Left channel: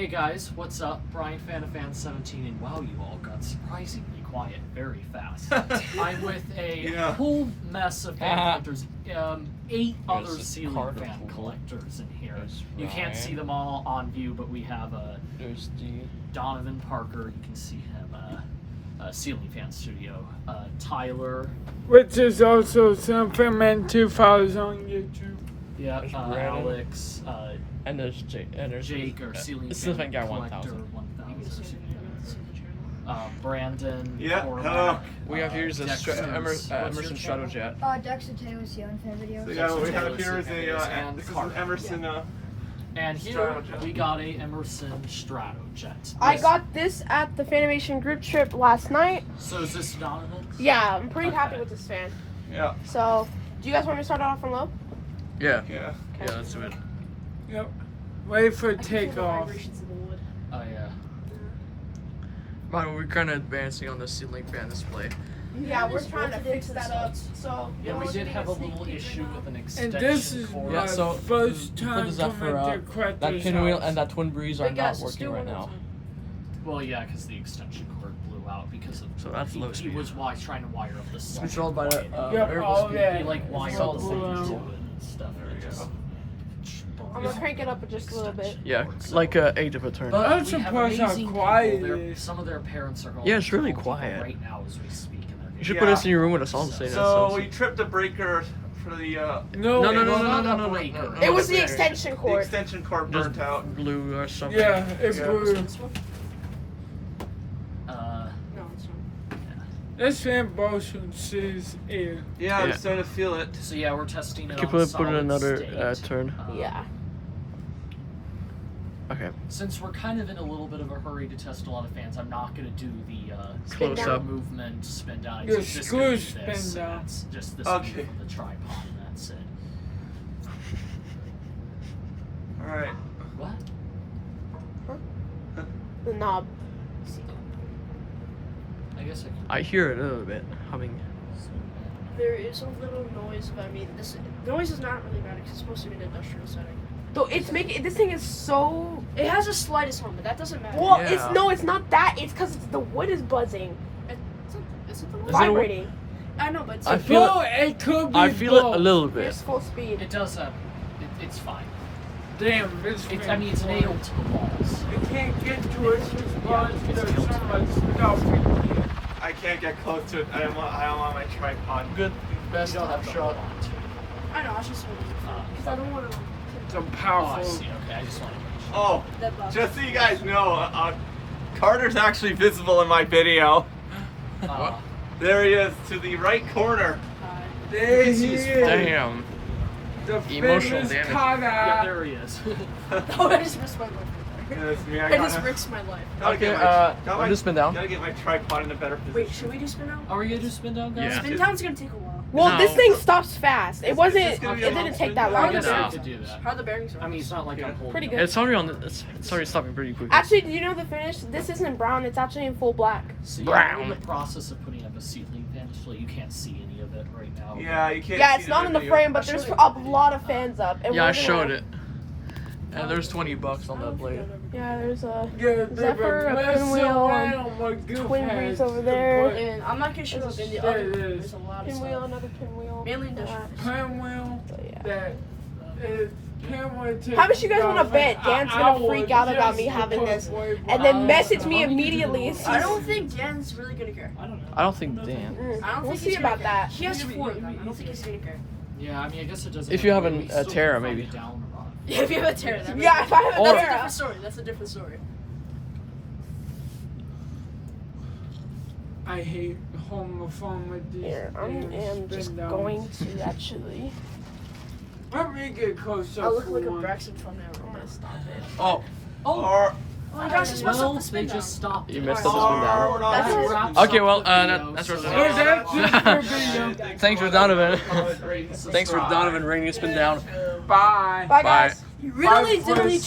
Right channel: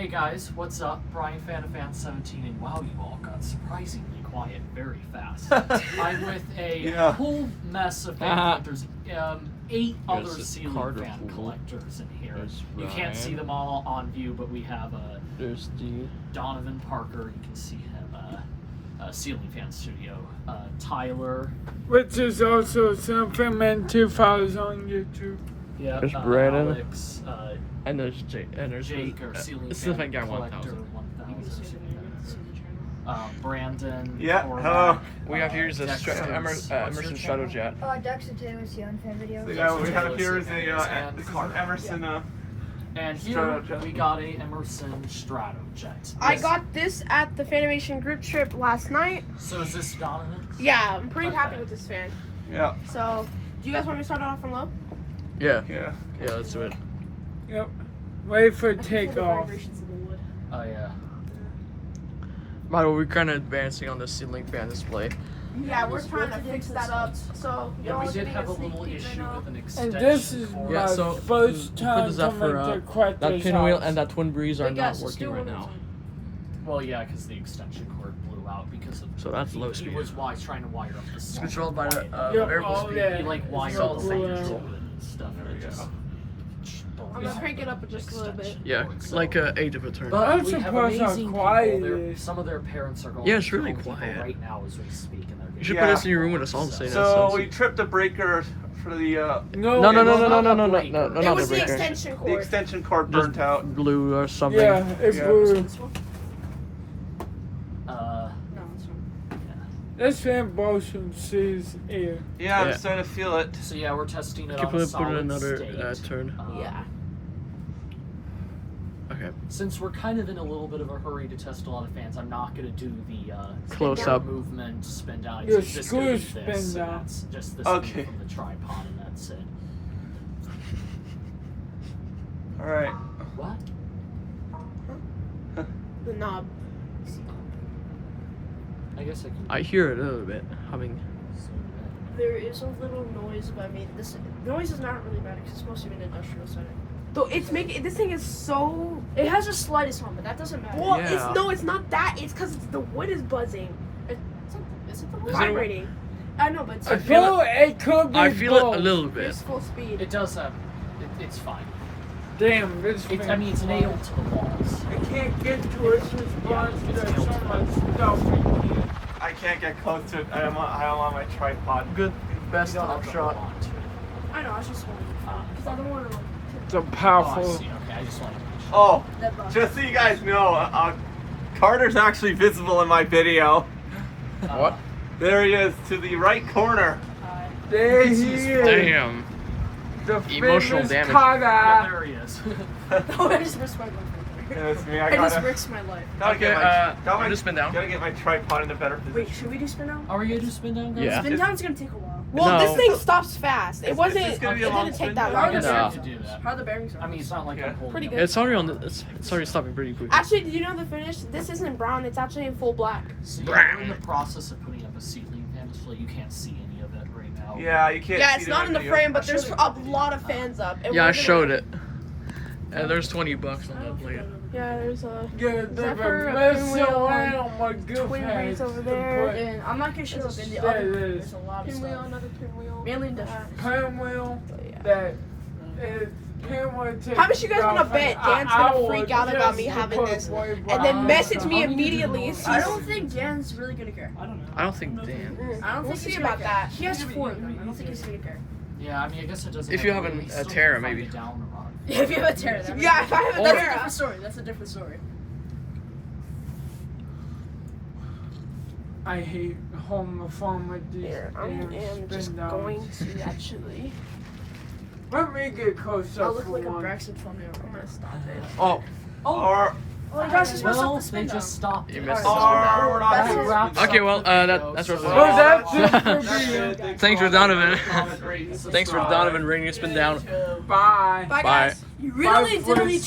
Hey guys, what's up? Brian Fan17, and wow, you all got surprisingly quiet very fast. I'm with a whole mess of fan collectors, 8 other ceiling fan collectors in here. You can't see them all on view, but we have there's Donovan Parker, you can see him, Ceiling Fan Studio, Tyler. Which is also something meant to follow on YouTube. Yeah, there's Brandon. Alex, and there's Jake, or Ceiling Fan Fan Collector 1000. Brandon. Yeah, Cormac, hello. We have here is a Emerson Stratojet. Dexter Taylor's here on fan video. Yeah, we have here is this is an Emerson. And here we got a Emerson Stratojet. I got this at the Fanimation group trip last night. So is this Donovan? Yeah, I'm pretty happy with this fan. Yeah. So, do you guys want me to start off from low? Yeah. Yeah. Yeah, let's do it. Yep. Wait for I can feel the takeoff. vibrations in the wood. Oh yeah. By the way, we're kind of advancing on the ceiling fan display. Yeah, we're trying to fix that up. So, Yeah, we did have a little issue with an And extension this is cord. my first time coming to Quetter's that pinwheel house. and that twin breeze are But not guys, working still right one now. Well, yeah, because the extension cord blew out because of. So that's low He speed. was trying to wire up the. Controlled by the Yep, variable all speed. that. He like wired all the the thing same. to it and stuff. And it just. I'm gonna crank it up just a little bit. Yeah, like 8 of a turn. But I'm we have surprised how amazing quiet people. it They're- is. Some of their parents are going. Yeah, it's really to quiet. right now as we speak. And You should put this in your room with us all saying that So we sounds. tripped the breaker for the No, no, no, was no, not no, a no, no, breaker. no, no. It not was the the breaker. extension cord. extension cord Just burnt out. glue or something. Yeah, it blew. No, it's not. This fan motion sees air. Yeah, Yeah. I'm starting to feel it. So yeah, we're testing it Can on put it solid another state. turn. Yeah. Okay. Since we're kind of in a little bit of a hurry to test a lot of fans, I'm not going to do the Close spin down up. movement, spin down. Your It's just gonna be screws this, spin and down. that's just this Okay. view from the tripod, and that's it. All right. What? The knob. I guess I can. I hear it a little bit humming. There is a little noise, but I mean, this noise is not really bad because it's supposed to be an industrial setting. Though it's making this thing is so. It has the slightest hum, but that doesn't matter. Well, Yeah. it's not that. It's because the wood is buzzing. Is it the wood Is it- vibrating? I know, but it's I feel Bro, it could be I feel it a both. little bit. it's full speed. It does have. It's fine. Damn, this It's, I fan mean, it's quiet. nailed to the walls. I can't get to it because there's so much stuff in here. I can't get close to it. I don't want my tripod. Good. Best You don't top have to shot. hold on to it. I know. I should swing it because I don't want to. It's a Oh, I powerful. see. Okay, I just want to. Oh, That buzz. just so you guys know, Carter's actually visible in my video. What? There he is to the right corner. There he is. Damn. The Emotional famous damage. Carter. Yeah, there he is. Oh, I just risked my life. That's me. I just risked my life. Okay, gotta do spin down. Gotta get my tripod in a better position. Wait, should we do spin down? Are we gonna do spin down, guys? Yeah. Spin down's gonna take a while. Well, No. this thing stops fast. It wasn't. this It gonna be a long didn't take spin that down? long. How are to you No. have to do that? How are the bearings are? I mean, it's not like I'm holding. Pretty it. good. It's already on. It's already stopping pretty quickly. Actually, do you know the finish? This isn't brown. It's actually in full black. So you're Brown. in the process of putting up a ceiling fan display. You can't see any of it right now. Yeah, you can't. Yeah, see it's not in the video. frame, but there's a lot of fans up. And Yeah, I we're showed gonna- it. And there's $20 on that blade. Yeah, there's a Yeah, they Zephyr, were a messing pinwheel, around with good twin fans breeze over to there, put and I'm not gonna show up in the other one. There's a lot of pinwheel, stuff. another pinwheel. Mainly industrial. pinwheel Yeah. that can't take How much you guys want to bet? Dan's gonna freak out about me having this, and then message me immediately. And I don't think Dan's really gonna care. I don't think Dan. I don't think he's about that. He has 4 of them. I don't think he's gonna care. Yeah, I mean, I guess it doesn't. If you have have to- an- we a still can Terra, find maybe. it down the road. If you have a Terra, that Yeah, if I have a that's a Terra. different story. That's a different story. I hate holding the phone with these Here, I am damn just spin downs. going to actually. Let me get close I up look for like a one. Braxton thumbnail. I'm gonna stop it. Oh. Or Oh, you guys just messed Well, up the spin they down. just stopped. You it. missed the Or spin That's it. Wraps Okay, up well, the video, that's so- what's Oh, that's just for video. Thanks for Donovan. Thanks for Donovan rating spin down. Bye. You really Bye for didn't